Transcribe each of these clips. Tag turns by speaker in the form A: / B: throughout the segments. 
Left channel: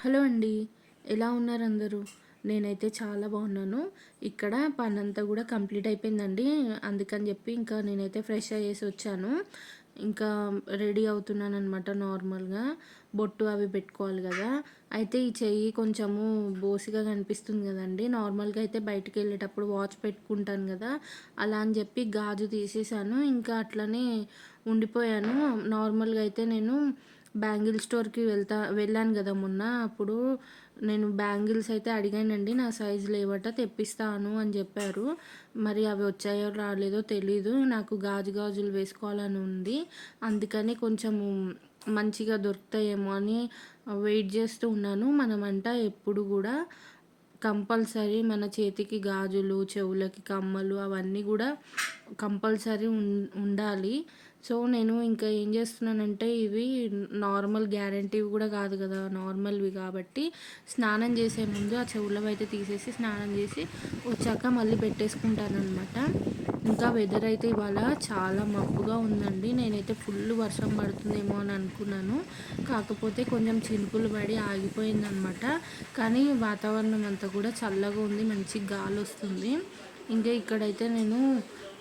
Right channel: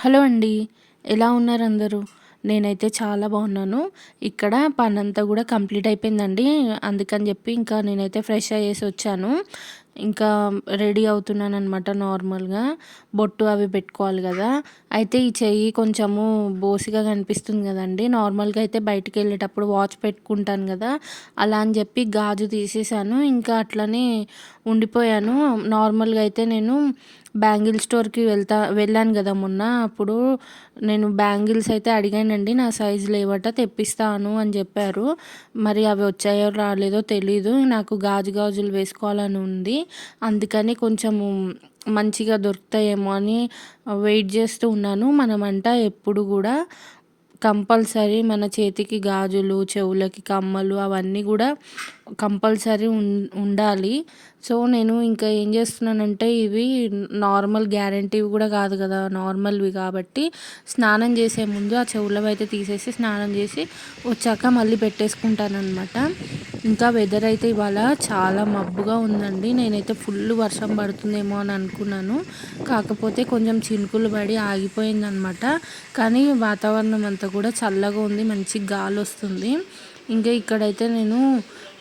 A: Hello అండి. ఎలా ఉన్నారు అందరూ? నేనైతే చాలా బాగున్నాను. ఇక్కడ పనంతా కూడా కంప్లీట్ అయిపోయిందండి. అందుకని చెప్పి ఇంకా నేనైతే ఫ్రెష్ అయ్యేసి వచ్చాను. ఇంకా రెడీ అవుతున్నాను అనమాట నార్మల్గా. బొట్టు అవి పెట్టుకోవాలి కదా. అయితే ఈ చెయ్యి కొంచెము బోసిగా కనిపిస్తుంది కదండి. నార్మల్గా అయితే బయటికి వెళ్ళేటప్పుడు వాచ్ పెట్టుకుంటాను కదా. అలా అని చెప్పి గాజు తీసేసాను. ఇంకా అట్లనే ఉండిపోయాను. నార్మల్గా అయితే నేను బ్యాంగిల్ స్టోర్కి వెళ్తా వెళ్ళాను కదా మొన్న. అప్పుడు నేను బ్యాంగిల్స్ అయితే అడిగానండి నా సైజు లేవట తెప్పిస్తాను అని చెప్పారు. మరి అవి వచ్చాయో రాలేదో తెలీదు. నాకు గాజు గాజులు వేసుకోవాలని ఉంది. అందుకని కొంచెము మంచిగా దొరుకుతాయేమో అని వెయిట్ చేస్తూ ఉన్నాను. మనమంట ఎప్పుడు కూడా కంపల్సరీ మన చేతికి గాజులు చెవులకి కమ్మలు అవన్నీ కూడా కంపల్సరీ ఉండాలి. సో నేను ఇంకా ఏం చేస్తున్నానంటే ఇవి నార్మల్ గ్యారంటీవి కూడా కాదు కదా నార్మల్వి కాబట్టి స్నానం చేసే ముందు ఆ చెవులవి అయితే తీసేసి స్నానం చేసి వచ్చాక మళ్ళీ పెట్టేసుకుంటానమాట ఇంకా వెదర్ అయితే ఇవాళ చాలా మబ్బుగా ఉందండి. నేనైతే ఫుల్ వర్షం పడుతుందేమో అని అనుకున్నాను. కాకపోతే కొంచెం చినుకులు పడి ఆగిపోయిందనమాట కానీ వాతావరణం అంతా కూడా చల్లగా ఉంది మంచి గాలి వస్తుంది. ఇంకా ఇక్కడైతే నేను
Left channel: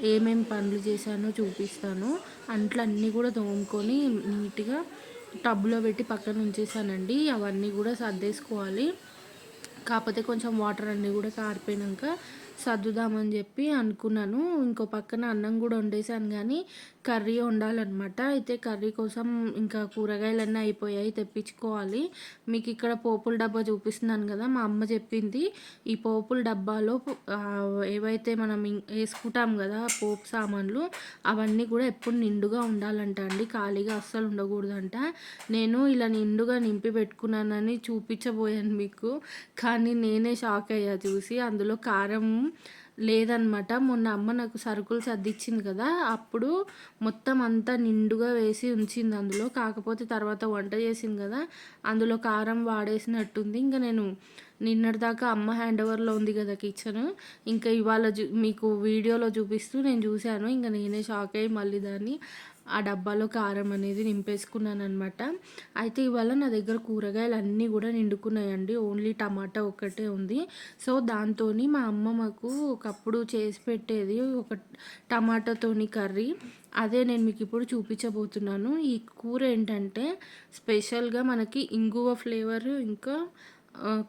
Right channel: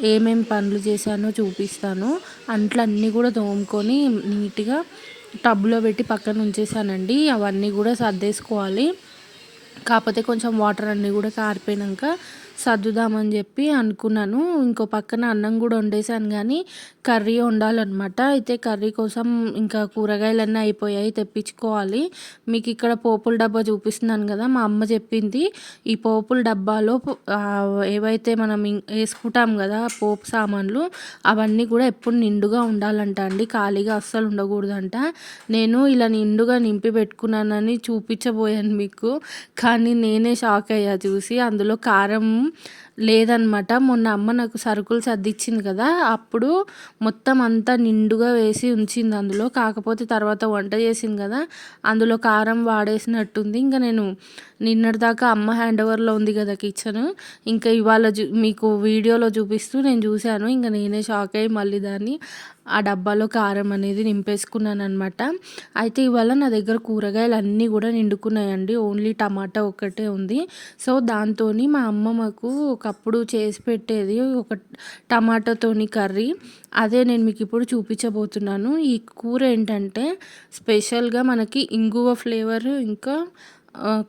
A: ఏమేమి పనులు చేశానో చూపిస్తాను. అంట్లు అన్నీ కూడా తోముకొని నీట్గా టబ్లో పెట్టి పక్కన ఉంచేసానండి అవన్నీ కూడా సర్దేసుకోవాలి. కాకపోతే కొంచెం వాటర్ అన్నీ కూడా కారిపోయాక సర్దుదామని చెప్పి అనుకున్నాను. ఇంకో పక్కన అన్నం కూడా వండేసాను కానీ కర్రీ వండాలన్నమాట. అయితే కర్రీ కోసం ఇంకా కూరగాయలన్నీ అయిపోయాయి తెప్పించుకోవాలి. మీకు ఇక్కడ పోపుల డబ్బా చూపిస్తున్నాను కదా మా అమ్మ చెప్పింది. ఈ పోపుల డబ్బాలో ఏవైతే మనం వేసుకుంటాం కదా పోపు సామాన్లు అవన్నీ కూడా ఎప్పుడు నిండుగా ఉండాలంట అండి. ఖాళీగా అస్సలు ఉండకూడదంట. నేను ఇలా నిండుగా నింపి పెట్టుకున్నానని చూపించబోయాను మీకు. కానీ నేనే షాక్ అయ్యా చూసి. అందులో కారం లేదనమాట. మొన్న అమ్మ నాకు సరుకులు సర్దిచ్చింది కదా అప్పుడు మొత్తం అంతా నిండుగా వేసి ఉంచింది అందులో. కాకపోతే తర్వాత వంట చేసింది కదా అందులో కారం వాడేసినట్టుంది. ఇంకా నేను నిన్నటిదాకా అమ్మ హ్యాండ్ ఓవర్లో ఉంది కదా కిచెన్. ఇంకా ఇవాళ చూ మీకు వీడియోలో చూపిస్తూ నేను చూశాను. ఇంకా నేనే షాక్ అయ్యి మళ్ళీ దాన్ని ఆ డబ్బాలో కారం అనేది నింపేసుకున్నాను అనమాట అయితే ఇవాళ నా దగ్గర కూరగాయలు అన్నీ కూడా నిండుకున్నాయండి. ఓన్లీ టమాటా ఒక్కటే ఉంది. సో దాంతో మా అమ్మ మాకు ఒకప్పుడు చేసి పెట్టేది ఒక టమాటాతోని కర్రీ. అదే నేను మీకు ఇప్పుడు చూపించబోతున్నాను. ఈ కూర ఏంటంటే స్పెషల్గా మనకి ఇంగువ ఫ్లేవర్ ఇంకా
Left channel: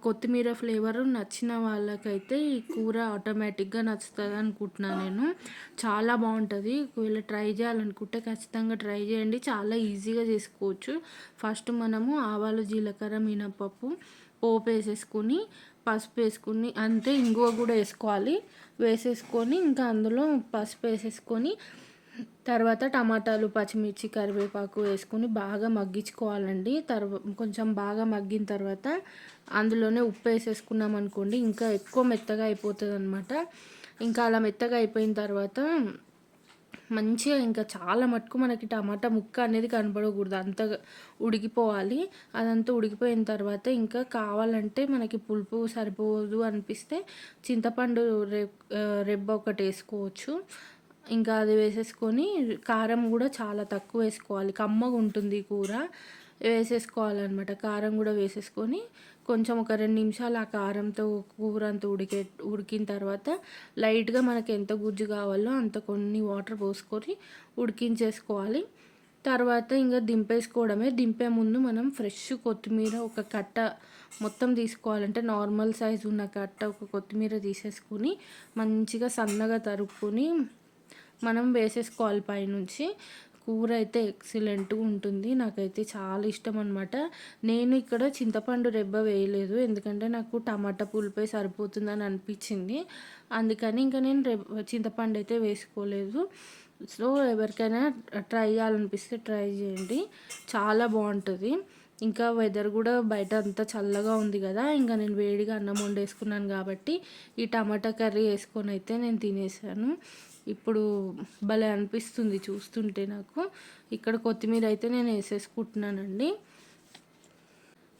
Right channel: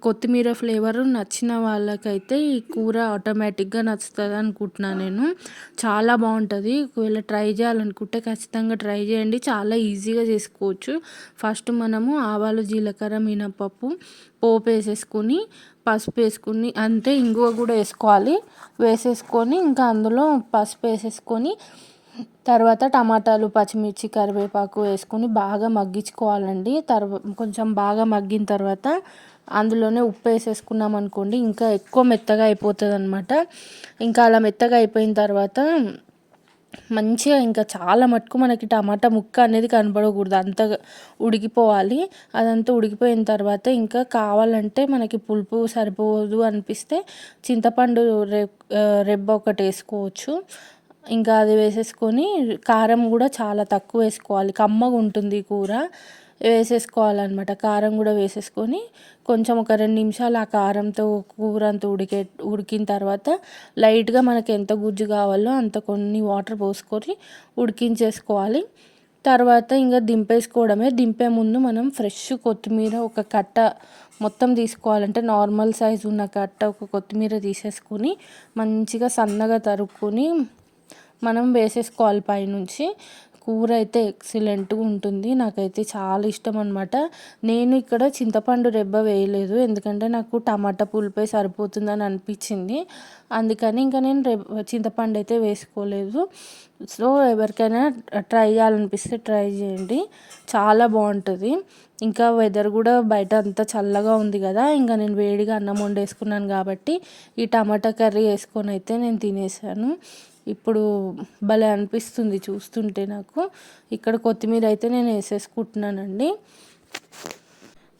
A: కొత్తిమీర ఫ్లేవర్ నచ్చిన వాళ్ళకైతే ఈ కూర ఆటోమేటిక్గా నచ్చుతుంది అనుకుంటున్నాను నేను. చాలా బాగుంటుంది. ఒకవేళ ట్రై చేయాలనుకుంటే ఖచ్చితంగా ట్రై చేయండి. చాలా ఈజీగా చేసుకోవచ్చు. ఫస్ట్ మనము ఆవాలు జీలకర్ర మినపప్పు పోపు వేసేసుకొని పసుపు వేసుకుని అంతే ఇంగువ కూడా వేసుకోవాలి. వేసేసుకొని ఇంకా అందులో పసుపు వేసేసుకొని తర్వాత టమాటాలు పచ్చిమిర్చి కరివేపాకు వేసుకొని బాగా మగ్గించుకోవాలండి. తర్వా కొంచెం బాగా మగ్గిన తర్వాత అందులోనే ఉప్పు వేసేసుకున్నాం అనుకోండి ఇంకా ఎక్కువ మెత్తగా అయిపోతుంది అనమాట ఇంకా అలా మెత్తగా అయిపోయిన తర్వాత మంచిగా ఇంకా చాలా మటుకు మనకి టమాటా ముక్క అనేది కనబడకూడదు. అంత ఉడికిపోవాలి. అదంతా ఉడికిపోయిన తర్వాత ఇంకా కావాలంటే మనకి పులుపు సరిపోదు అనిపిస్తే చింతపండు రెబ్బ ఒకటి వేసుకోవచ్చు. ఇంకా అది వేసేసుకొని కారం కూడా చాలా తక్కువ వేసుకోవాలి. కమ్మగా ఉంటుంది కూర. వేసేసుకోవాలన్నమాట. కారం కూడా వేసేసుకొని కొంచెం ఒక రెండు నిమిషాలు ఆ కారంతో కూర అంతా ఉడికే ఉడికిన తర్వాత లైట్గా మనకి ఎంత గుజ్జు కావాలో అంత కొన్ని వాటర్ పోసుకొని ఉడికించేసుకోవాలి. తర్వాత ఇంకా దింపేసుకోవడమే. దింపే ముందు మనం ఫ్రెష్ కొత్తిమీర ఒక కట్ట మొత్తం తీసుకోవాలంటే నార్మల్ సైజ్ ఉన్న కట్ట ఒక కొత్తిమీర తీసేసుకొని మంచిగా సన్నగా తరుక్కొని మనం వేసేసుకోవాలి పైనుంచి. కూర అయితే ఎక్సలెంట్గా ఉంటుంది. నాకైతే చాలా ఇష్టం అనమాట నేను ఇక్కడ చింతపండు రెబ్బ వేయలేదు. ఎందుకంటే నాకు టమాటా పులిపే సరిపోతుందని అనిపించింది. అందుకని ఇంకా నేను రెబ్బ చింతపండు అయితే వేసుకోలేదు. సో ఎవరికైనా ట్రై చేయాలనిపిస్తే ట్రై చేయండి. చాలా బాగుంటుంది. ఇంకా వెదర్ కూడా బయట అంతా చల్లగా ఉంది కదా ఇంకా నేను వేడిగా అన్నం వండేసుకున్నాను కాబట్టి ఈ టమాటా కర్రీ వేసుకొని అయితే నేను తినేసాను. ఇప్పుడు భలే అనిపిస్తుంది చూస్తుంటే నాకు. ఇక్కడ కొత్తిమీర అయితే నేను వేసేసుకుంటున్నానండి.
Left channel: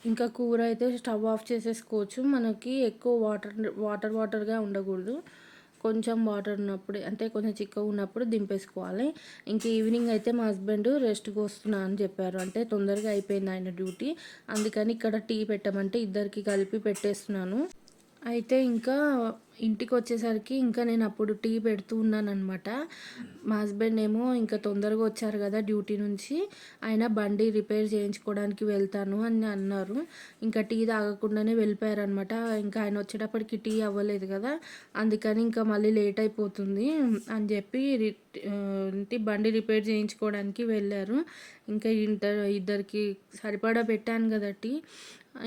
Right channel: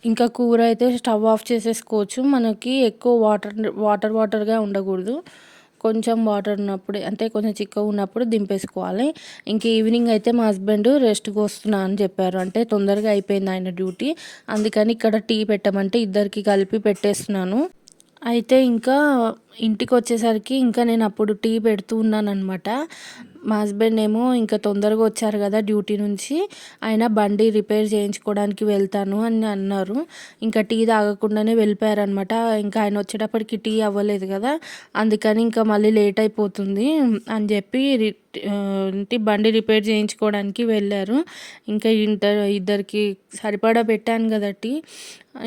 A: ఇంకా కూర అయితే స్టవ్ ఆఫ్ చేసేసుకోవచ్చు. మనకి ఎక్కువ వాటర్ వాటర్ వాటర్గా ఉండకూడదు. కొంచెం వాటర్ ఉన్నప్పుడు అంటే కొంచెం చిక్కగా ఉన్నప్పుడు దింపేసుకోవాలి. ఇంక ఈవినింగ్ అయితే మా హస్బెండ్ రెస్ట్కి వస్తున్నా అని చెప్పారు. అంటే తొందరగా అయిపోయింది ఆయన డ్యూటీ. అందుకని ఇక్కడ టీ పెట్టమంటే ఇద్దరికి కలిపి పెట్టేస్తున్నాను. అయితే ఇంకా ఇంటికి వచ్చేసరికి ఇంకా నేను అప్పుడు టీ పెడుతూ ఉన్నానన్నమాట. మా హస్బెండ్ ఏమో ఇంకా తొందరగా వచ్చారు కదా డ్యూటీ నుంచి. ఆయన బండి రిపేర్ చేయించుకోవడానికి వెళ్తాను అని అన్నారు. ఇంకా టీ తాగకుండానే వెళ్ళిపోయారనమాట ఇంకా ఆయన వచ్చేటప్పటికి టీ అవ్వలేదు కదా. అందుకని ఇంకా మళ్ళీ లేట్ అయిపోతుంది అని చెప్పి ఇంటి బండి రిపేర్ చేయించుకోవడానికి వెళ్ళారు. ఇంకా ఇంటర్ ఇద్దరికి సరిపడా పెట్టాను కదా టీ.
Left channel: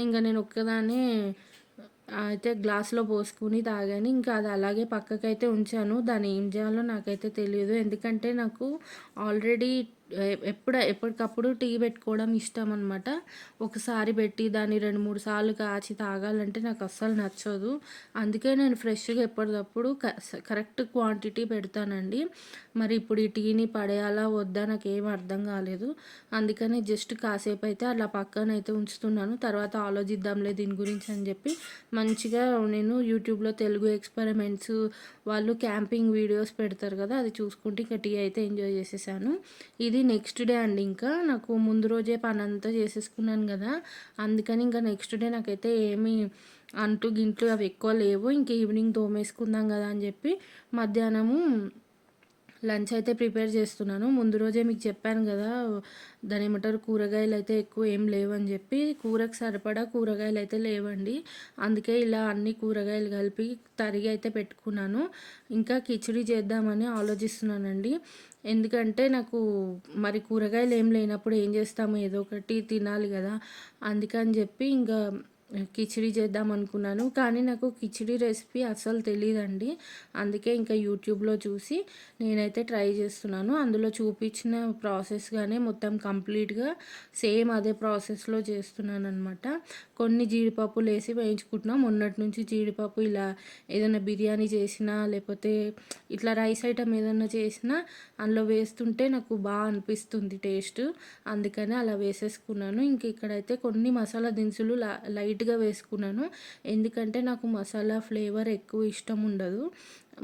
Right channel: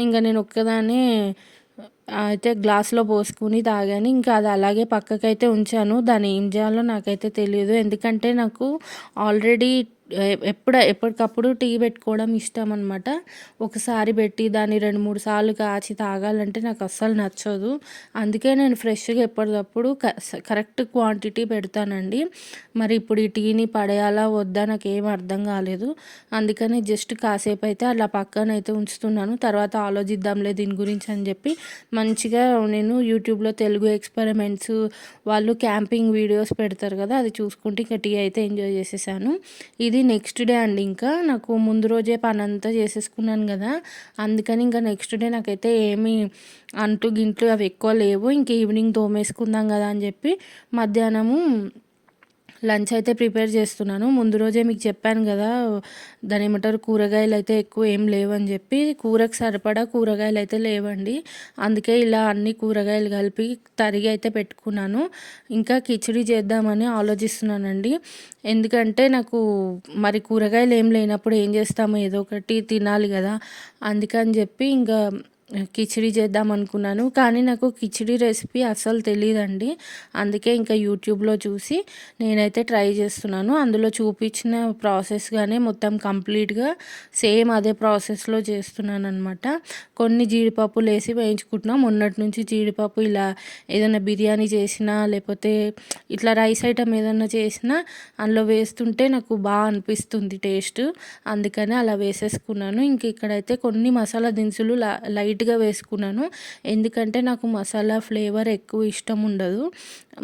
A: ఇంకా నేను ఒక్కదానే అయితే గ్లాస్లో పోసుకుని తాగాను. ఇంకా అది అలాగే పక్కకైతే ఉంచాను. దాన్ని ఏం చేయాలో నాకైతే తెలియదు ఎందుకంటే నాకు ఆల్రెడీ ఎప్పుడు ఎప్పటికప్పుడు టీ పెట్టుకోవడం ఇష్టం అనమాట ఒకసారి పెట్టి దాన్ని రెండు మూడు సార్లు కాచి తాగాలంటే నాకు అస్సలు నచ్చదు. అందుకే నేను ఫ్రెష్గా ఎప్పటికప్పుడు కరెక్ట్ క్వాంటిటీ పెడతానండి. మరి ఇప్పుడు ఈ టీని పడేయాలా వద్దా నాకు ఏం అర్థం కాలేదు. అందుకని జస్ట్ కాసేపు అయితే అలా పక్కన అయితే ఉంచుతున్నాను. తర్వాత ఆలోచిద్దాంలే దీని గురించి అని చెప్పి మంచిగా నేను యూట్యూబ్లో తెలుగు ఎక్స్పెరిమెంట్స్ వాళ్ళు క్యాంపింగ్ వీడియోస్ పెడతారు కదా అది చూసుకుంటే ఇంకా టీ అయితే ఎంజాయ్ చేసేసాను. ఇది నెక్స్ట్ డే అండి ఇంకా. నాకు ముందు రోజే పని అంతా చేసేసుకున్నాను కదా. అందుకని ఇంకా నెక్స్ట్ డే నాకైతే ఏమీ అంటు గింట్లు అవి ఎక్కువ లేవు. ఇంక ఈవినింగ్ తోమేసుకుందాం కదా అని చెప్పి మధ్యాహ్నము లంచ్ అయితే ప్రిపేర్ చేస్తున్నాను. ముందు రోజే మీకు చెప్పాను కదా దాని ఏమంటారు కూరగాయలు అయితే ఎక్కువ ఏం లేవని చెప్పి కూరకు సరిపడా కూరగాయలు అయితే లేవండి. అందుకే ఇలా అన్ని కూరగాయలు కలిపి తరిగి అయితే పెట్టుకున్నాను. ఇంకా కిచిడి చేద్దామని ఆలోచిస్తున్నానండి. ఎందుకంటే నాకు మరి కూరగాయలు ఏం లేనప్పుడు ఏం చేస్తాము ఏదో ఒకటి తినాలి కదా అందుకని చెప్పి ఇంకా కిచిడి చేద్దాం అనుకున్నాను. కానీ నాకు కిచిడి రెసిపీ అస్సలు తెలియదండి అందుకే ఇంకా యూట్యూబ్లో చూసి నేనైతే ట్రై చేస్తున్నాను. అందులో చూపించిన ప్రాసెస్గానే మొత్తం కంప్లీట్గా సేమ్ అదే ప్రాసెస్లో చేస్తున్నాను అనమాట కొన్ని జీడిపప్పులు వేసి వేయించుకుంటున్నాం. మొన్నటి నుంచి జీడిపప్పు ఇలా ఏదైనా బిర్యానీ చేసినా లేకపోతే ఇట్లా రైస్ ఐటమ్ ఏదైనా చేసినా అందులో వేస్తుంటే నాకు బాగా అనిపిస్తుంది టేస్ట్. అందుకని అలా వేసేసుకున్నాను. ఇంక ఇక్కడైతే కొన్ని మసాలా దినుసులు లైట్ లైట్గా వేసుకున్నాను. ఎందుకంటే నాకు మసాలా ఫ్లేవర్ ఎక్కువ ఇష్టం ఉండదు.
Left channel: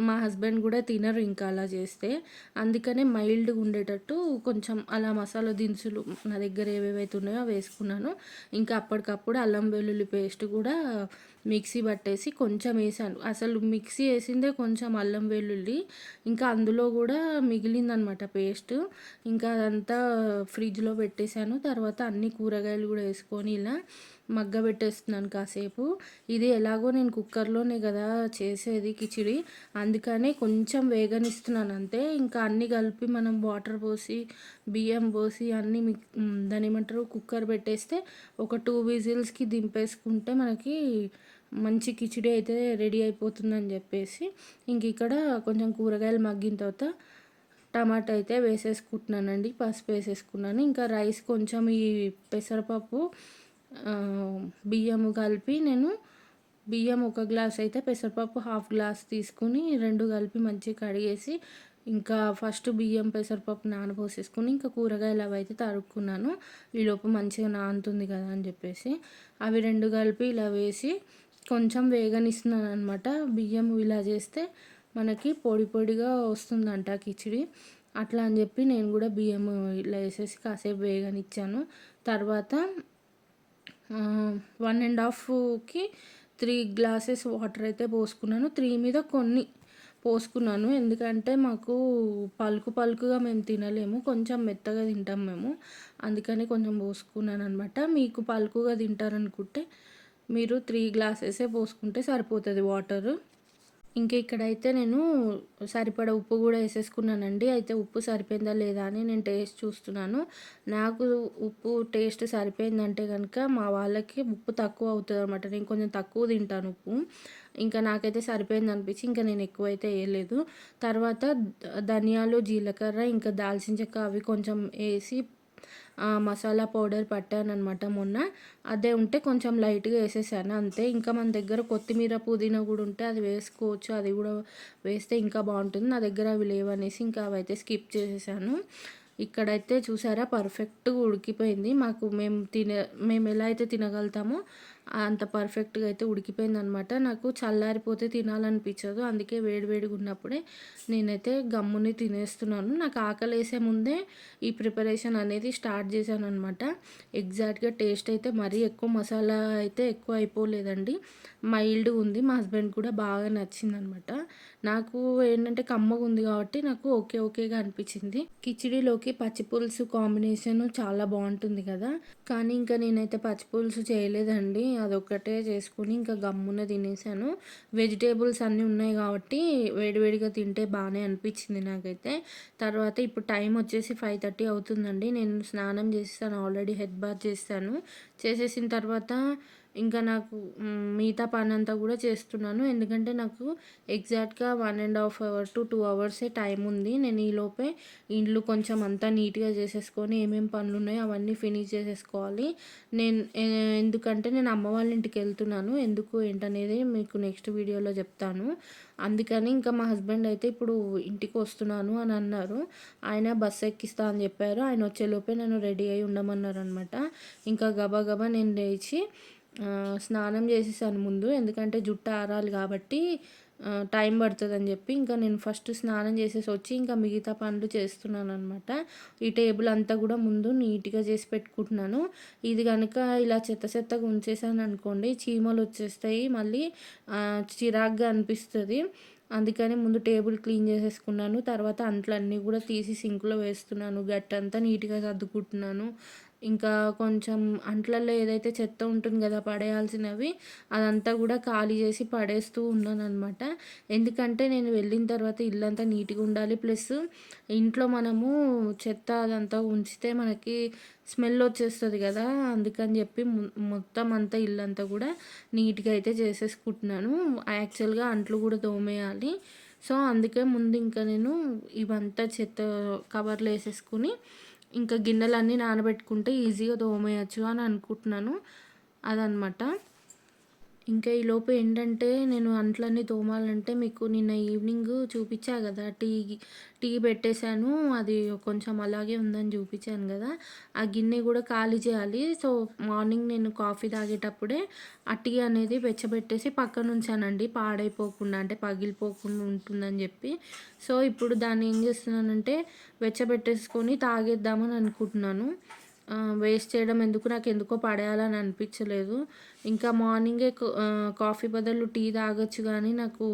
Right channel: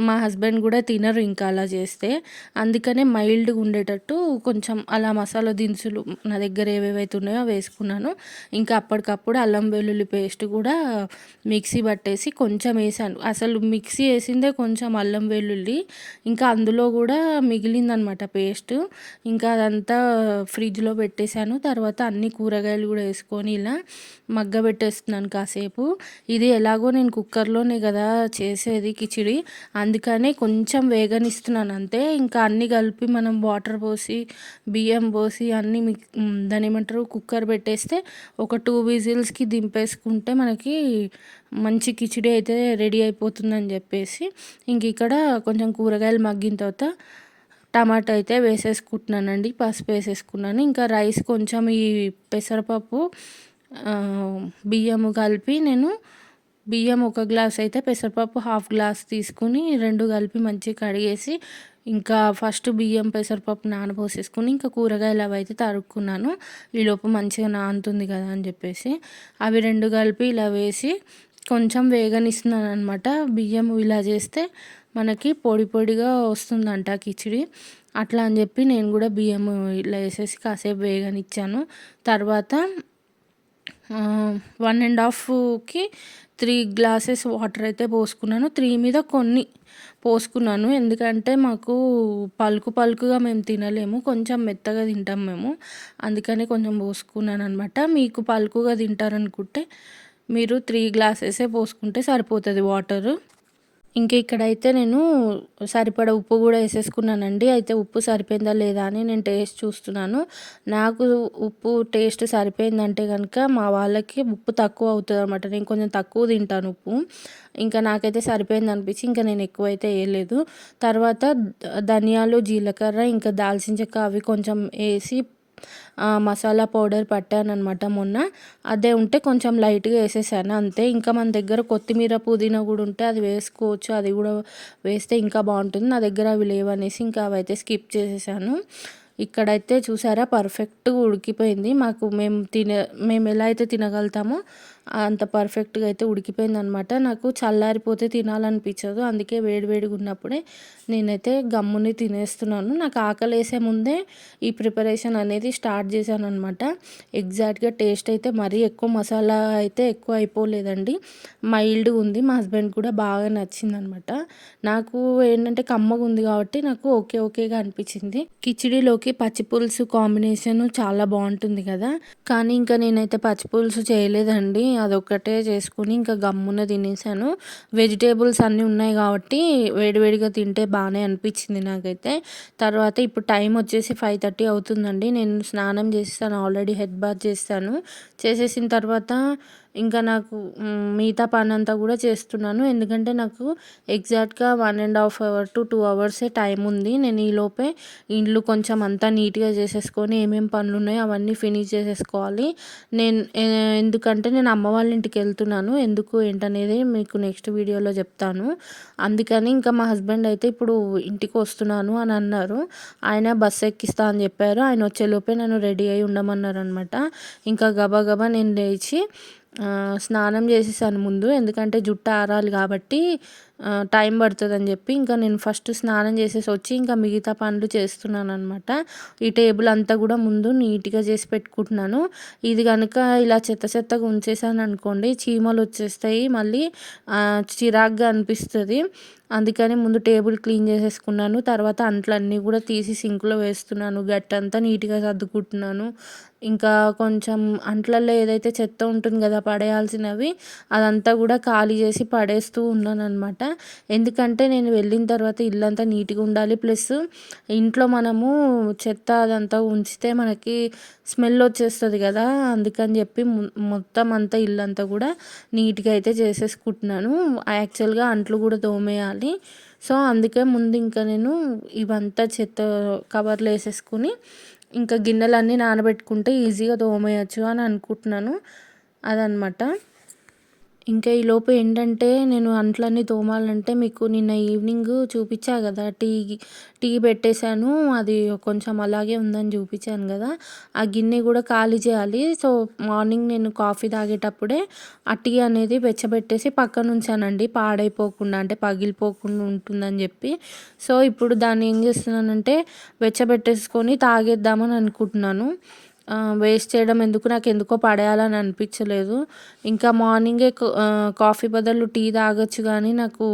A: మా హస్బెండ్ కూడా తినరు ఇంకా అలా చేస్తే. అందుకనే మైల్డ్గా ఉండేటట్టు కొంచెం అలా మసాలా దినుసులు నా దగ్గర ఏవేవైతే ఉన్నాయో వేసుకున్నాను. ఇంకా అప్పటికప్పుడు అల్లం వెల్లుల్లి పేస్ట్ కూడా మిక్సీ పట్టేసి కొంచెం వేసాను. అసలు మిక్సీ వేసిందే కొంచెం అల్లం వెల్లుల్లి ఇంకా అందులో కూడా మిగిలిందనమాట పేస్ట్. ఇంకా అదంతా ఫ్రిడ్జ్లో పెట్టేశాను. తర్వాత అన్ని కూరగాయలు కూడా వేసుకొని ఇలా మగ్గ పెట్టేస్తున్నాను కాసేపు. ఇది ఎలాగో నేను కుక్కర్లోనే కదా చేసేది కిచిడి. అందుకనే కొంచెం వేగనిస్తున్నాను అంతే ఇంకా అన్నీ కలిపి మనం వాటర్ పోసి బియ్యం పోసి అన్నీ మిక్ దాని ఏమంటారు కుక్కర్ పెట్టేస్తే ఒక టూ విజిల్స్కి దింపేసుకుంటే మనకి మంచి కిచిడి అయితే రెడీ అయిపోతుందని చెప్పేసి ఇంక ఇక్కడ కొంచెం కూరగాయలు మగ్గిన తర్వాత టమాటా అయితే వేసేసుకుంటున్నానండి పసుపు వేసేసుకున్నాను. ఇంకా రైస్ కొంచెం ఈ పెసరపప్పు బియ్యము కలిపి నేను బియ్యం ఒక గ్లాస్ అయితే పెసరపప్పు హాఫ్ గ్లాస్ తీసుకుని రెండు కలిపి మంచిగా కడిగేసి ఇంకా ఫస్ట్ బియ్యం పెసరపప్పు నానబోసేసుకుని ఇంకా కూరగాయలు అవి అయితే తరుక్కున్నాను. ఈలోపు మంచిగా నానుతుంది కదా అని చెప్పేసి. అవి రెండు కలిపి ఇలా వేసి కొంచెం వేగనిస్తున్నాను అనమాట బియ్యం ఇలా చేస్తే మనకి పొడి పొడిగా వస్తుందంట కిచిడి. అట్లా అని చెప్పి నేను కూడా బియ్యం ఇలా వేసేసి కాసేపు వేగనిచ్చాను. తర్వాత వన్ అండ్ హాఫ్కి త్రీ గ్లాసెస్ వాటర్ అయితే పోసుకున్నాను. త్రీ మీద కొన్ని పోసుకున్నాను. ఎందుకంటే మాకు పలుకు పలుకుగా మేము తినలేము. కొంచెం మెత్తగా తింటాం మేము. అందుకని కొంచెం పోసుకున్నాను అనమాట మీకు పలుకుగా తింటారనుకుంటే మీరు త్రీ గ్లాసెసే పోసుకుంటే సరిపోతుంది వాటరు. ఇంక ఇక్కడైతే నేను సరిపడ ఉప్పు కూడా వేసేసుకున్నానండి. అయితే ఉప్పు సరిపోయిందా లేదా అని నేను టేస్ట్ చూస్తున్నాను. నాకు ఉప్పు టేస్ట్ సరిపోయిందంటే కనుక మా వాళ్ళకి ఉప్పు తక్కువ అవుతుంది అనమాట నేను కొంచెం తక్కువ తింటాను ఉప్పు. ఇంకా నాకైతే సరిపోయింది అనిపించి ఇంకా నేను ఎక్కువైతే వేయలేదు. తర్వాత ధనియాలు జీలకర్ర ఇంకా దాల్చిన చెక్క అవి కొంచెం వేసి మసాలా పౌడర్ పట్టాను అనమాట మొన్న. అదే ఉంటే కొంచెం లైట్గా వేసేసాను అంతే. ఇంకా మన దగ్గర కొత్తిమీర పుదీనా కూడా ఉంటే అది వేసుకోవచ్చు అది కూడా వేస్తే ఇంకా బాగుంటుంది. నా దగ్గర అవి లేవనేసి ఇంకా అవైతే స్కిప్ చేసేసాను. ఇక్కడైతే చూసారా పర్ఫెక్ట్గా ఉడికిపోయింది. మాకు మేము తినే మేము ఎలా అయితే తినగలుగుతామో అంత పర్ఫెక్ట్గా అయితే ఉడికిపోయిందనమాట. నాకు చల్లారిపోతే తినాలనిపించదు. అందుకే వేడివేడిగా ఉన్నప్పుడే నేనైతే గమ్ముని తినేస్తున్నాను. నాకు ఆకలి వేసే ముందే ఈ ప్రిపరేషన్ అనేది స్టార్ట్ చేశాను అనమాట ఎగ్జాక్ట్గా టేస్ట్ అయితే మరీ ఎక్కువ మసాలా అయితే ఎక్కువ అయిపోలేదండి. మైల్డ్ ఉంది. మా హస్బెండ్ కూడా బాగా నచ్చిందనమాట. నాకు ఏంటంటే కమ్మగా ఉంది కాబట్టి నాకు ఓకే ఓకేగా అనిపించింది. కిచిడిలోకి పచ్చిపులుసు కాంబినేషన్ చాలా బాగుంటుంది కదా. కానీ ఇంకా నేనైతే పచ్చి పులుసు చేయలేదండి. అదొక్కటే చేసుకుని ఇంకా గమ్మున తినేసాను. వెజిటేబుల్స్ అన్నీ ఉన్నాయి కాబట్టి వేడివేడిగా తింటే బాగానే అనిపించింది నాకైతే. తర్వాత ఇప్పుడు టైం వచ్చేసి ఫైవ్ థర్టీ అవుతుందండి. నేను స్నానం చేస్తాను ఆల్రెడీ హెడ్ బాత్ చేస్తాను. చేసేసిన తర్వాత ఇంకా నాకు మిగతా పని అంతా కూడా చేస్తున్నాను. ఎందుకంటే నాకు ఎగ్జాక్ట్గా one and half hour to two అవర్సే time ఉంది. నేను ఈలోపే ఇండ్లు కొంచెం అంతా నీట్గా చేసేసుకొని ఏమేమి పనులు ఉన్నాయో అవన్నీ ఫినిష్ చేసేసుకోవాలి. నేను ఎందుకంటే నేను అమ్మ వాళ్ళ ఇంటికి వెళ్తున్నాను. ఎందుకు ఏంటనేది మీకు నెక్స్ట్ వీడియోలో చెప్తాను. అందుకని ఇంకా మా హస్బెండ్ అయితే ఇప్పుడు ఇంటికి వస్తున్నాను అని అన్నారు. ఆయన బస్సు ఎక్కిస్తా అని చెప్పారు. ఆయన వచ్చేలోపే నన్ను రెడీ అయి ఉండమన్నారు అనమాట ఇంకా గబా గబా నేను లేచి స్నానం చేసేసాను ముందు ఎందుకంటే జుట్టు ఆరాలి కాబట్టి టైం పడుతుందని చెప్పి ఇంకా నేను ఫస్ట్ స్నానం చేసేసి వచ్చి ఇంకా మిగతా పనులు చేస్తున్నాను అనమాట ఈ టేబుల్ అంతా కూడా ముందు నీట్గా చేసి పెట్టుకుంటున్నాను. ఇది కనుక ఇలా చెత్త చెత్తగా ఉంచేసాను అనుకోండి చీమలు వచ్చేస్తాయి మళ్ళీ చిరాగ్గా అనిపిస్తుంది. అందుకని ముందు టేబుల్ క్లీన్ చేసేసుకున్నాను. తర్వాత అంట్లన్నీ కూడా తీసి సింక్లో వేస్తున్నాను. గట్టంతా నీట్గా సర్దుకుంటున్నాను. ఇంకా కొంచెం అంట్లల్లో ఏదైతే చెత్త ఉంటుంది కదా పడేయాల్సినవి అదంతా కూడా ఖాళీ చేసి పడేస్తూ ఉన్నాను అనమాట ఎందుకంటే నేను వెళ్ళిన తర్వాత ఇల్లంతా నీట్గా ఉండాలి. ప్లస్ ఇంట్లో మనము చెత్త అదంతా ఉంచితే మనకి స్మెల్ వచ్చేస్తుంది కదా. అందుకని చెప్పి మొత్తం అంతా ఇల్లంతా కూడా నీట్గా అయితే చేసేసుకుంటున్నాను. యాక్చువల్గా అంట్లు కూడా తోమేయాలి. సో అందుకే ముందు ఇంకా నేను ఇవంతా చెత్త కవర్లు వేసేసుకుని ఇంకా గిన్నెలన్నీ నానబెట్టుకుంటే ఈజీగా తోమేయచ్చు అని అనుకుంటున్నాను. అదనమాట ఇంకా ఈలోపు ఏంటంటే నేను అంట్లన్నీ తోమాలంటే మీకు నిన్న ఈవినింగ్ చూపించా కదా. టీ టీ పెట్టేశాను. అది కొంచెం అలాగే ఉందని చూపించాను కదా. ఆ గిన్నె కూడా ఖాళీ చేయాలి. సో మార్నింగ్ నేను కాఫీ తాగేటప్పుడే ఆ టీ అనేది వెచ్చబెట్టేసి పక్కన ఉంచానండి. పాడైపోకుండా అంటే పగిలిపోకుండా ఉంటుందని చెప్పి. సో ఇప్పుడు దాన్ని ఏం చేస్తున్నానంటే వెచ్చబెట్టేసుకొని తాగేద్దామని అనుకుంటున్నాను. వేస్ట్ చేయడం ఎందుకు నాకు ఎందుకో పడేయాలని అనిపించలేదు. ఇంకా మార్నింగే కాఫీ బదులు టీ తాగొచ్చు కానీ నాకు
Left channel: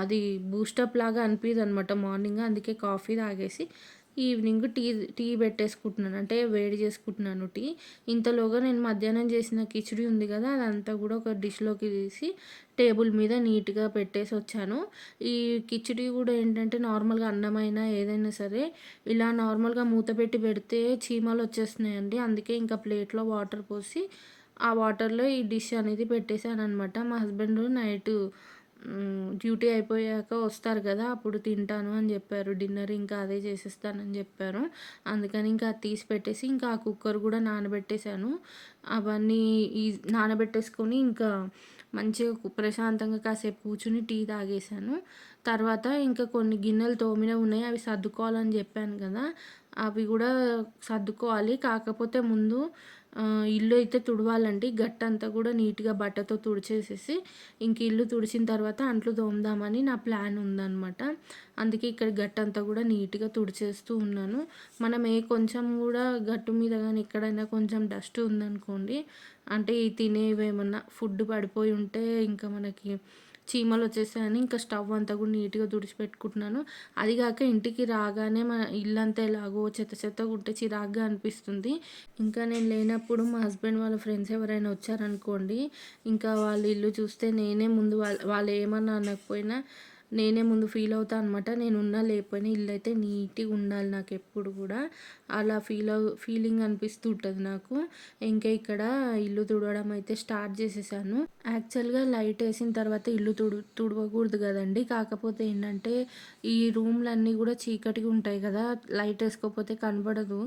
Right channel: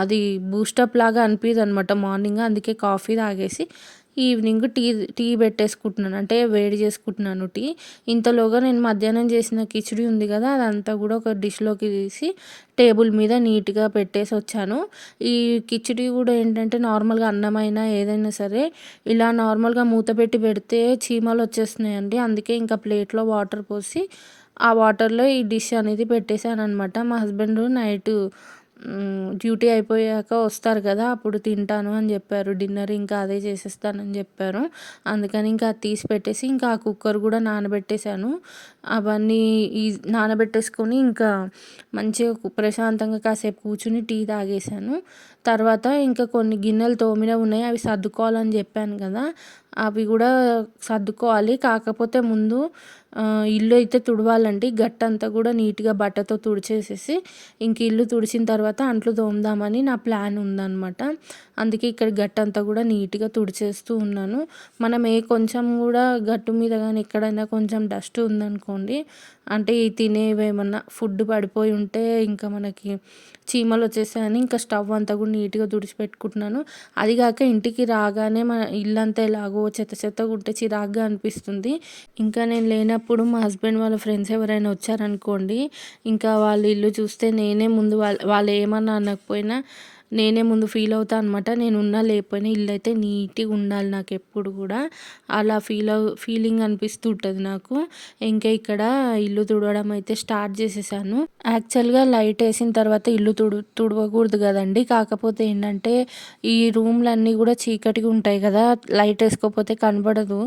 A: అది బూస్టప్ లాగా అనిపించదు అనమాట మార్నింగ్ అందుకే కాఫీ తాగేసి ఈవినింగ్ టీ టీ పెట్టేసుకుంటున్నాను. అంటే వేడి చేసుకుంటున్నాను టీ. ఇంతలోగా నేను మధ్యాహ్నం చేసిన కిచిడి ఉంది కదా అదంతా కూడా ఒక డిష్లోకి తీసి టేబుల్ మీద నీట్గా పెట్టేసి వచ్చాను. ఈ కిచిడి కూడా ఏంటంటే నార్మల్గా అన్నమైనా ఏదైనా సరే ఇలా నార్మల్గా మూత పెట్టి పెడితే చీమలు వచ్చేస్తున్నాయండి. అందుకే ఇంకా ప్లేట్లో వాటర్ పోసి ఆ వాటర్లో ఈ డిష్ అనేది పెట్టేశాను అనమాట మా హస్బెండ్ నైట్ డ్యూటీ అయిపోయాక వస్తారు కదా అప్పుడు తింటాను అని చెప్పారు. డిన్నర్ ఇంకా అదే చేసేస్తానని చెప్పారు. అందుకని ఇంకా అది తీసి పెట్టేసి ఇంకా ఆ కుక్కర్ కూడా నానబెట్టేశాను. అవన్నీ ఈ నానబెట్టేసుకొని ఇంకా మంచిగా ప్రశాంతంగా కాసేపు కూర్చుని టీ తాగేశాను. తర్వాత ఇంకా కొన్ని గిన్నెలు తోమిన ఉన్నాయి అవి సర్దుకోవాలని చెప్పాను కదా. అవి కూడా సర్దుకోవాలి. కాకపోతే ముందు ఇల్లు అయితే తుడవాలండి. గట్టంతా కూడా నీట్గా బట్టతో తుడిచేసేసి ఇంక ఇల్లు తుడిచిన తర్వాత అంట్లు తోముదామని నా ప్లాన్ ఉందన్నమాట. అందుకే ఇక్కడ గట్టంతా కూడా నీట్గా తుడిచేస్తూ ఉన్నాను. మనం ఏ కొంచెం కూడా గట్టు మీద కానీ ఎక్కడైనా కొంచెం డస్ట్ ఉందనుకోండి అంటే ఈ తినేవి ఏమన్నా ఫుడ్ పడిపోయి ఉంటే ఇంకా మనకి చీమలు వచ్చేసాయని ఇంకా స్టవ్ అంతా కూడా నీట్గా తుడిచిపెట్టుకుంటున్నాను. అది కాక ఇంటికి రాగానే మన ఇల్లంతా ఎలాగో చెత్త చెత్త ఉంటే చిరాగ్గా అనిపిస్తుంది. ఇంకా నేను లేనప్పుడు మా హస్బెండ్ వాళ్ళ ఫ్రెండ్స్ ఎవరైనా వచ్చారనుకోండి ఇంకా వాళ్ళ ఇల్లు చూస్తే నేనే ముందు వాళ్ళ వాళ్ళు ఏమన్నా అనకపోయినా నేనే ముందు ఫీల్ అవుతా అనమాట నేను ఉన్నా లేకపోయినా ఇల్లు అయితే నీట్గా ఉండాలి నాకు ఎప్పుడు కూడా. అలా ఫీల్ అవు ఫీలింగ్ అనిపిస్తుంటుంది నాకు. ఇంకా ఇక్కడ ఇల్లు తుడవడం అయితే స్టార్ట్ చేసేసాను. యాక్చువల్గా లైట్ వేసిన తర్వాత ఇల్లు తుడు తుడవకూడదు కదండి. కాకపోతే ఏంటంటే ఈ రూమ్లన్నీ కూడా చీకటిగా ఉంటాయి కదా. లైట్ వేసుకోకపోతే కనబడదు.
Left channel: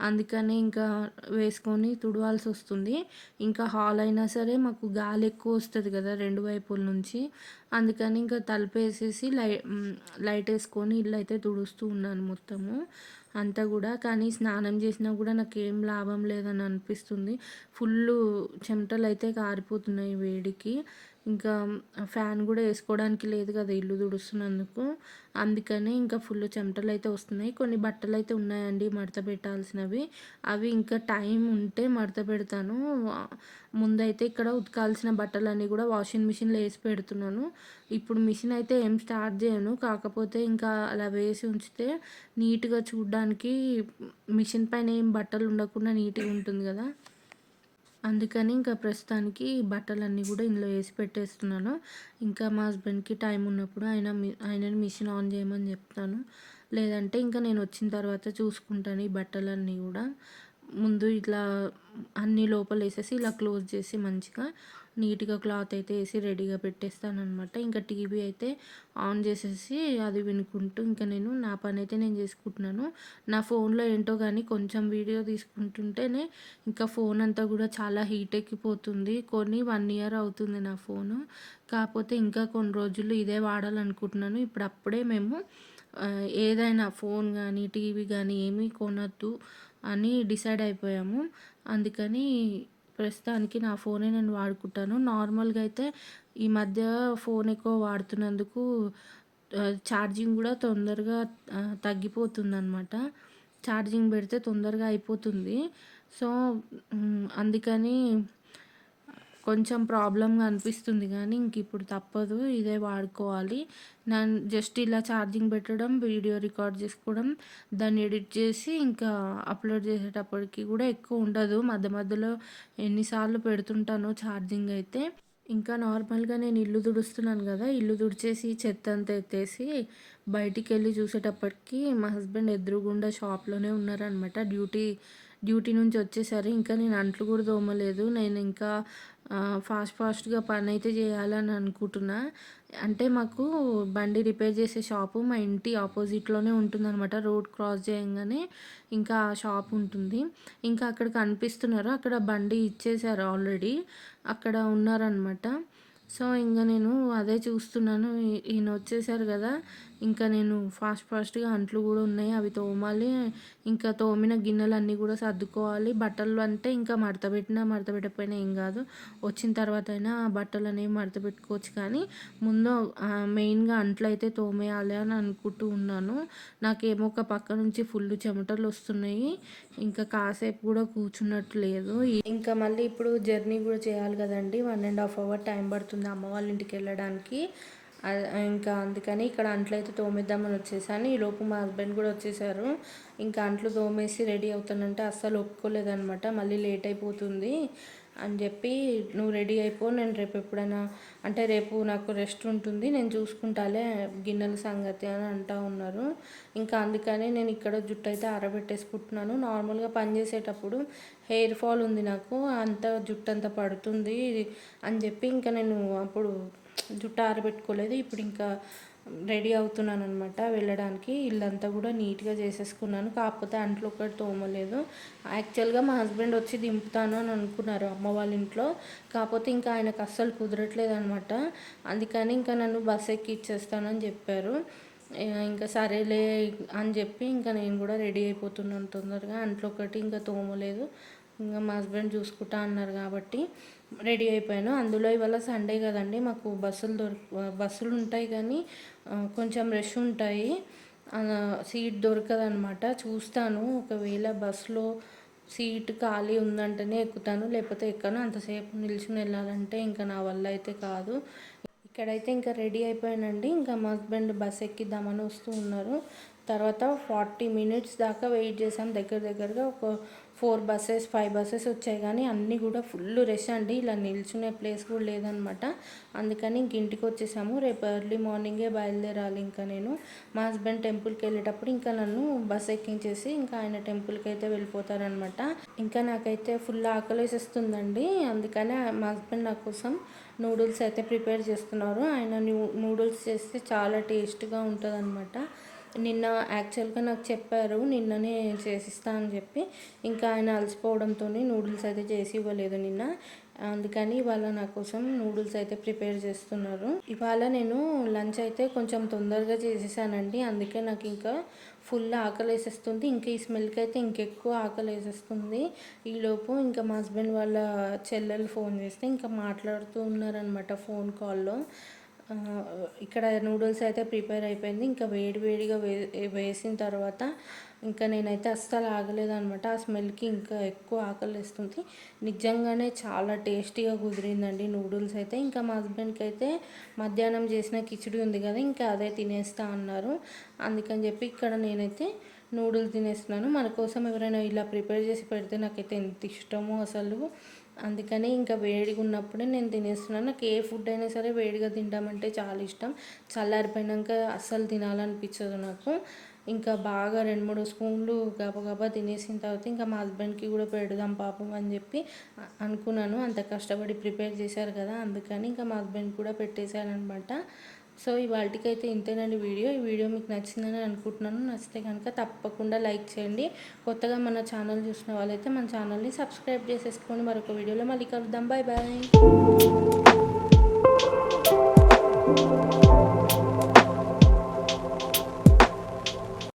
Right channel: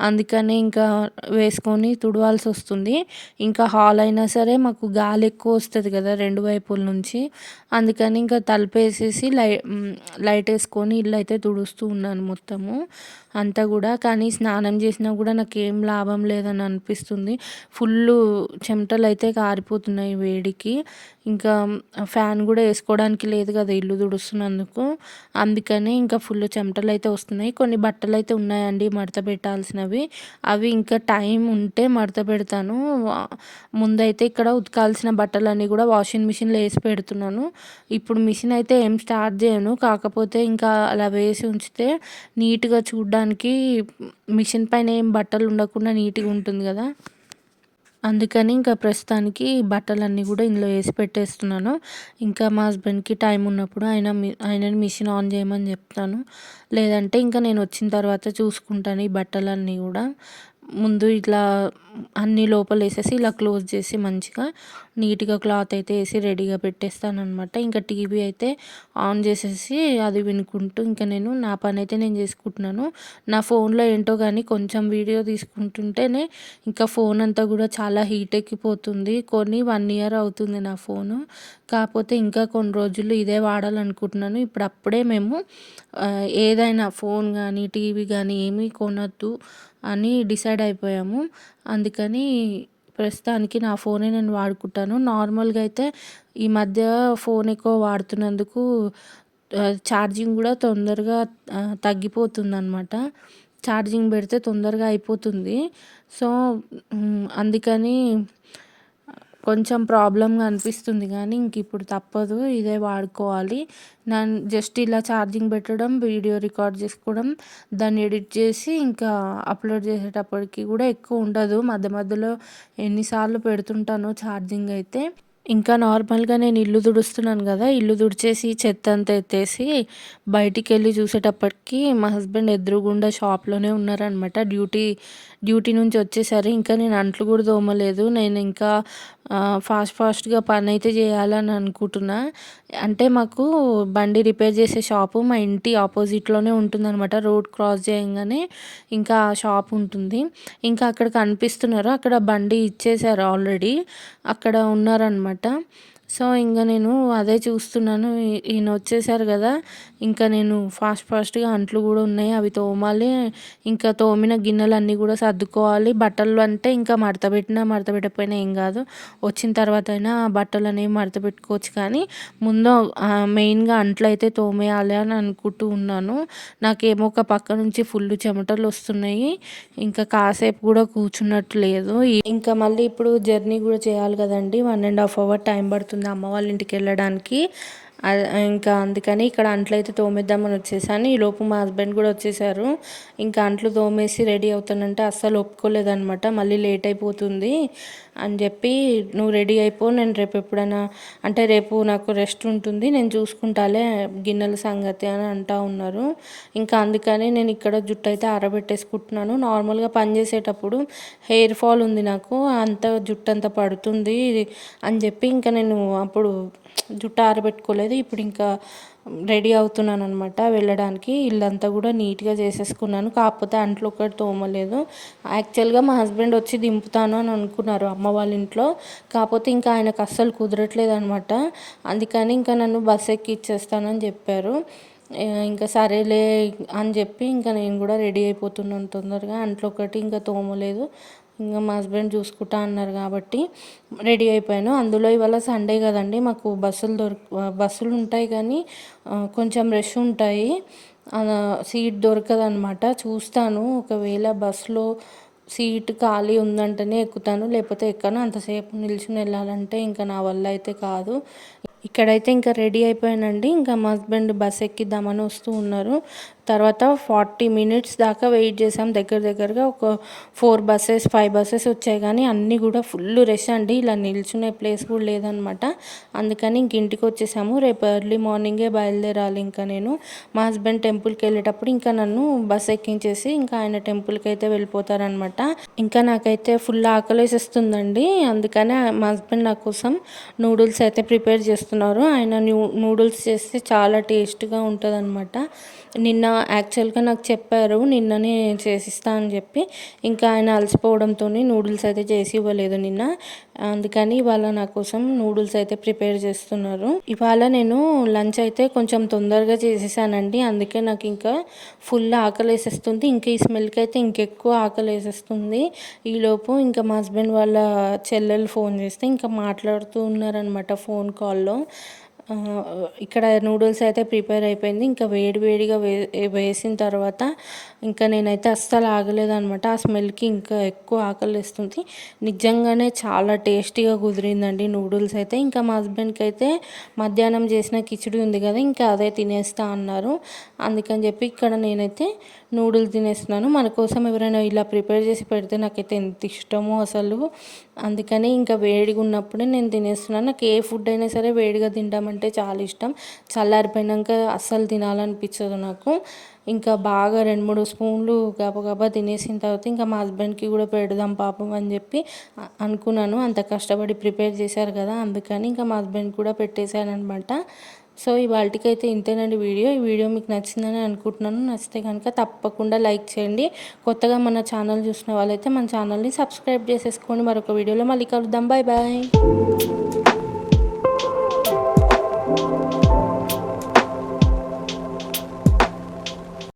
A: అందుకనే ఇంకా వేసుకొని తుడవాల్సి వస్తుంది. ఇంకా హాల్ అయినా సరే మాకు గాలి ఎక్కువ వస్తుంది కదా రెండు వైపుల నుంచి. అందుకని ఇంకా తలుపు వేసేసి లై లైట్ వేసుకొని ఇల్లు అయితే తుడుస్తూ ఉన్నాను మొత్తము. అంతా కూడా. కానీ స్నానం చేసినా కూడా నాకేం లాభం లేదని అనిపిస్తుంది. ఫుల్లు చెమటలు అయితే కారిపోతున్నాయి వేడికి. ఇంకా ఫ్యాన్ కూడా వేసుకోవడానికి లేదు కదా ఇల్లు తుడుస్తున్నందుకు. అందుకనే ఇంకా ఫుల్ చెమటలు అయితే వస్తున్నాయి. కొన్ని బట్టలు అయితే ఉన్నాయండి మడత పెట్టాల్సినవి. అవి ఇంకా టైం ఉంటే మడత పెడతాను. ముందైతే ఇక్కడ ఉతకాల్సిన బట్టలన్నీ కూడా వాషింగ్ మిషన్లో వేసి పెడుతున్నాను. ఇప్పుడు మిషన్ అయితే ఏం స్టార్ట్ చేయను. కాకపోతే ఇంకా అలా వేసి ఉంచితే నీట్గా చూడడానికి మిషన్ పైన ఏం బట్టలు ఉండకుండా నీట్గా ఉంటుంది కదా? అందుకని ఇంకా ప్రస్తుతానికి బట్టలన్నీ కూడా ఇందులో వేసి పెట్టేస్తున్నాను. ఇంకా మా హస్బెండ్కి టైం ఉన్నప్పుడు ఆయన ఆయనని మిషన్ ఆన్ చేయమని చెప్తాను. లేదంటే ఇంకా నేను వచ్చిన తర్వాత చూసుకుంటాను ఈ బట్టలన్నీ కూడా. ముందు ఇట్లా అన్ని లోపల వేసేసి ఇలా క్లోజ్ చేసి మంచిగా నీట్గా క్లాత్ అయితే వేసి రెడీగా పెట్టేస్తానమాట ఇంకా టీవీ అయితే ఆన్ చేసేసి అది వినుకుంటూ ఇంకా నేను నా పని అయితే నేను చేసుకుంటున్నాను. నా ఫోన్లో ఏంటో కానీ కొంచెం వీడియో తీసుకుంటుంటేనే ఇంకా ఫోన్ అంతా కూడా చాలా హీట్ ఎక్కిపోతుంది. కొన్ని వన్ ఇయర్ అవుతుంది నా ఫోను. కాకపోతే ఇంకా కొన్ని రోజులు ఇదే వాడాలనుకుంటున్నాను. ఇప్పుడు అప్పుడే మేము ఏదైనా ఫోన్ కానీ టీవీ కానీ ఏమీ కొనద్దు. అని డిసైడ్ అయిపోయాము. అందుకని ప్రస్తుతానికి నా ఫోనే నేను వాడుకుంటాను. నార్మల్గా అయితే ఈ మధ్య ఫోన్ ఎక్కువ వాడుతున్నందుకు ఛార్జింగ్ కూడా తొందరగా తగ్గిపోతుందన్నమాట. ఛార్జింగ్ పెడితే తొందరగా అయిపోతుంది. సో అందుకని కొంచెం ప్రాబ్లంగా అనిపిస్తుంది కానీ ఇంక ఇప్పుడు తప్పదు ఇదే వాడుకోవాలి. నేను జస్ట్ ఇలా ఛార్జింగ్ పెట్టడం వీడియో రికార్డ్ చేసుకోవడం దాన్ని ఎడిట్ చేసి ఇంకా అప్లోడ్ చేసేటప్పటికి కూడా ఎక్కువ ఉండదు. మధ్య మధ్యలో ఎన్నిసార్లు పెడుతుంటానో ఛార్జింగ్ అయితే. ఇంకా నార్మల్గా నేను ఇల్లు తుడుస్తున్నాను కదా ఇల్లు తుడిచేసి చెత్త అంతా ఎత్తేసి బయటికి వెళ్ళి చూసేటప్పటికి మా హస్బెండ్ ఎదురుగుండా షాప్లోనే ఉన్నారనమాట డ్యూటీ డ్యూటీ నుంచి వచ్చేసరి ఇంకా నేను అంట్లు కూడా తోమలేదు. నేను ఇంకా ఫాస్ట్ ఫాస్ట్గా పని అయితే చేయాలని అనుకుంటున్నా. అంటే మాకు బండి రిపేర్ చేసే షాపు మా ఇంటి ఆపోజిట్లోనే ఉంటుందన్నమాట. రోడ్ క్రాస్ చేయగానే ఇంకా ఆ షాప్ ఉంటుంది. ఇంకా అక్కడ కనిపిస్తున్నారు. అక్కడ బండి ఇచ్చేసారు ఆల్రెడీ. అక్కడ ఉన్నారనమాట సో ఇంకా నేను అదే చూస్తున్నాను. ఈయన వచ్చేసారు కదా. ఇంకా నేను ఫాస్ట్ ఫాస్ట్గా అంట్లు కూడా ఉన్నాయి. అవి తోమాలి. ఇంకా తోమిన గిన్నెలు అన్నీ కూడా సర్దుకోవాలి. బట్టలు అంటే ఇంకా మడత పెట్టినా మడత పెట్టకపోయినా ఏం కాదు. వచ్చిన తర్వాత అయినా బట్టలు అనేవి మడత పెట్టుకోవచ్చు. కానీ ముందు మెయిన్గా అంట్లు అయితే తోమేయాలి అని అనుకుంటూ ఉన్నాను. నాకేమో ఒక పక్క నుంచి ఫుల్ చెమటలు వస్తున్నాయి. ఇంకా కాసేపు కూడా కూర్చున్నట్టు లేదు. ఇంకా మళ్ళీ ఇప్పుడు జర్నీ కూడా చేయాలి కదండి. One and half hour time పడుతుంది అమ్మ వాళ్ళ ఇంటికి వెళ్ళడానికి. ఇంకా అందుకని ఇక్కడ అంట్లు అయితే తోమేద్దామని వచ్చేసాను. ఈలోపు మా హస్బెండ్ కూడా వచ్చేసారు. ఇంకా అంట్లు తోమేసి రెడీ అవుతానంటే అస్సలు ఒప్పుకోలేదనమాట. మళ్ళీ లేట్ అయిపోతుంది అని చెప్పి నువ్వు రెడీ అయిపో నేను రేపు ఎప్పుడైనా అంటే రేపు నాకు రెస్ట్ ఉంటుంది నేను చూసుకుంటాలే గిన్నెల సంగతి అని అంటా ఉన్నారు. ఇంకా అందుకని నేను ఇక్కడ జుట్టు అయితే ఆరబెట్టేసుకుంటున్నాను. నార్మల్గా పని చేసేటప్పుడు హెయిర్ ఫాల్ ఉంది నాకు అంత జుట్టు అంత పడుతుంది అని చెప్పి ఇంకా నేను అప్పుడు జుట్టు ఆరబెట్టుకోలేదు. ఇప్పుడు ఇంకా రెడీ అవుతున్నాను అనమాట వెళ్ళడానికి ఇల్లంతా కూడా నీట్గా చేసేసుకున్నాను. కాకపోతే అంట్లో ఒకటి తోమలేదు. యాక్చువల్గా మా హస్బెండ్ వచ్చి దింపుతాను అని అనుకున్నారు అమ్మ వాళ్ళ ఇంట్లో. కాకపోతే ఇంకా ఆయనకు అస్సలు కుదరట్లేదు అనమాట అందుకని ఇంకా నన్ను బస్ ఎక్కి ఇచ్చేస్తానని చెప్పారు ఇంకా సరేలే అని చెప్పి ఇంకా నేను కూడా రెడీ అయిపోతున్నాను తొందరగా. అంట్లో ఒకటి ఇంకా తోమలేదు. ఇంకా మా హస్బెండ్ చూసుకుంటా అన్నారు కాబట్టి రెడీ అయిపోయాను. అందులో ఇవాళ సండే కదండి మాకు బస్సులు దొరక బస్సులు ఉంటాయి కానీ కొంచెం రష్ ఉంటాయి. సీట్ దొరకదనమాట చూస్తాను ఒకవేళ బస్సులో సీట్ ఖాళీ ఉందంటేనే ఎక్కుతాను లేకపోతే ఎక్కను. అంతసేపు నిల్చుని వెళ్ళాలంటే ఇంకా నా వల్ల అయితే కాదు. ఇక్కడైతే ఇంకా రెడీ అయిపోయానండి. ఇంకా మా హస్బెండ్ బస్ ఎక్కిద్దామని వస్తూ ఉన్నారు. తర్వాత ఫార్టీ మినిట్స్ దాకా వెయిట్ చేసాం. దగ్గర దగ్గరగా ఒక ఫోర్ బస్సెస్ ఫైవ్ బస్సెస్ వచ్చాయి. కానీ అన్నీ కూడా ఫుల్ రష్ అండి. ఇలా నిల్చునే ప్లేస్ కూడా లేదనమాట అందుకని ఇంక ఇంటికి వచ్చేసాము. రేపు ఎర్లీ మార్నింగే బయలుదేరాలి ఇంకా నేను. మా హస్బెండ్ టెంపుల్కి వెళ్ళేటప్పుడు ఇంకా నన్ను బస్ ఎక్కించేసి ఇంకా ఆయన టెంపుల్కి అయితే వెళ్ళిపోతారనమాట ఇంకా నాకైతే ఫుల్ ఆకలేసేస్తుందండి. అందుకని మా హస్బెండ్ నా కోసం నూడిల్స్ అయితే ప్రిపేర్ చేస్తున్నారు. ఆయన నూడిల్స్ చేస్తే చాలా టేస్ట్గా ఉంటుంది అనమాట నిన్న యాక్చువల్గా నాకు చెప్పారు నిన్ననే చేసిస్తా అని చెప్పి. ఇంకా ఆయన అలసిపోవడంతో నూడిల్స్ అయితే చేసి ఇవ్వలేదు నిన్న. అందుకని ఇవాళ నా కోసం నూడిల్స్ అయితే ప్రిపేర్ చేస్తున్నారు. ఇవాళ నేను లంచ్ అయితే కొంచెం తొందరగా చేసేసానండి. అందుకే నాకు ఇంకా ఫుల్ ఆకలి వేసేస్తుంది ఇంకా ఈ స్మెల్కి అయితే ఇంకెక్కువ ఆకలి వేసేస్తుంది ఈలోపు ఇంకా మా హస్బెండ్ వాళ్ళ చెల్లెలు ఫోన్ చేస్తే ఇంకా మాట్లాడుతూ ఉన్నారనమాట ఫోన్ కాల్లో ఇక్కడ నూడిల్స్ అయితే ప్రిపేర్ అయిపోయింది. ఇంకా వేడి వేడిగా వే వేసిన తర్వాత ఇంకా నేనైతే అస్సలు ఆగలేదనమాట ఆ స్మెల్కి ఇంకా ఎక్కువ ఆకలిస్తుంది. నిజంగానే చాలా టేస్టీగా కుదిరిందండి నూడిల్స్ అయితే. ఇంకా మా హస్బెండ్కి అయితే మధ్యాహ్నం చేసిన కిచిడి ఉంది కదా ఇంకా అదే తినేస్తా అన్నారు. అందుకని చెప్పి ఇక్కడ నేనైతే నూడిల్స్ తినేస్తున్నాను. మన కోసం ఎవరైనా ఇలా ప్రిపేర్ చేసి పెడితే నాకైతే ఎంత ఇష్టమో అసలు. అందుకని ఇంకా వేడిగా ఉన్నప్పుడే నేను తినేస్తున్నాను. నాకు ఏ ఫుడ్ అయినా సరే వేడిగా తింటామంటే చాలా ఇష్టం. చల్లారిపోయినాక అస్సలు తినాలనిపించదు నాకు. ఇంకా బాగా రెండు మూడు స్పూన్లు గబగబా తినేసిన తర్వాత ఇంకా మా హస్బెండ్కి కూడా పెడదాం పాపం అని చెప్పి అనుకున్నాను. అంత కష్టపడి ప్రిపేర్ చేశారు కదా అందుకని ఇంకా మా హస్బెండ్ కూడా పెట్టేశాను అనమాట సో ఇవాళకైతే ఇంతేనండి వీడియో. ఈ వీడియో మీకు నచ్చిందని అనుకుంటున్నాను. నచ్చితే కనుక తప్పకుండా లైక్ చేయండి. కొత్తగా మన ఛానల్ చూసిన వాళ్ళైతే మన ఛానల్ని సబ్స్క్రైబ్ చేసేసుకోండి. మరొక వీడియోలో మళ్ళీ కలుద్దాం. Bye bye.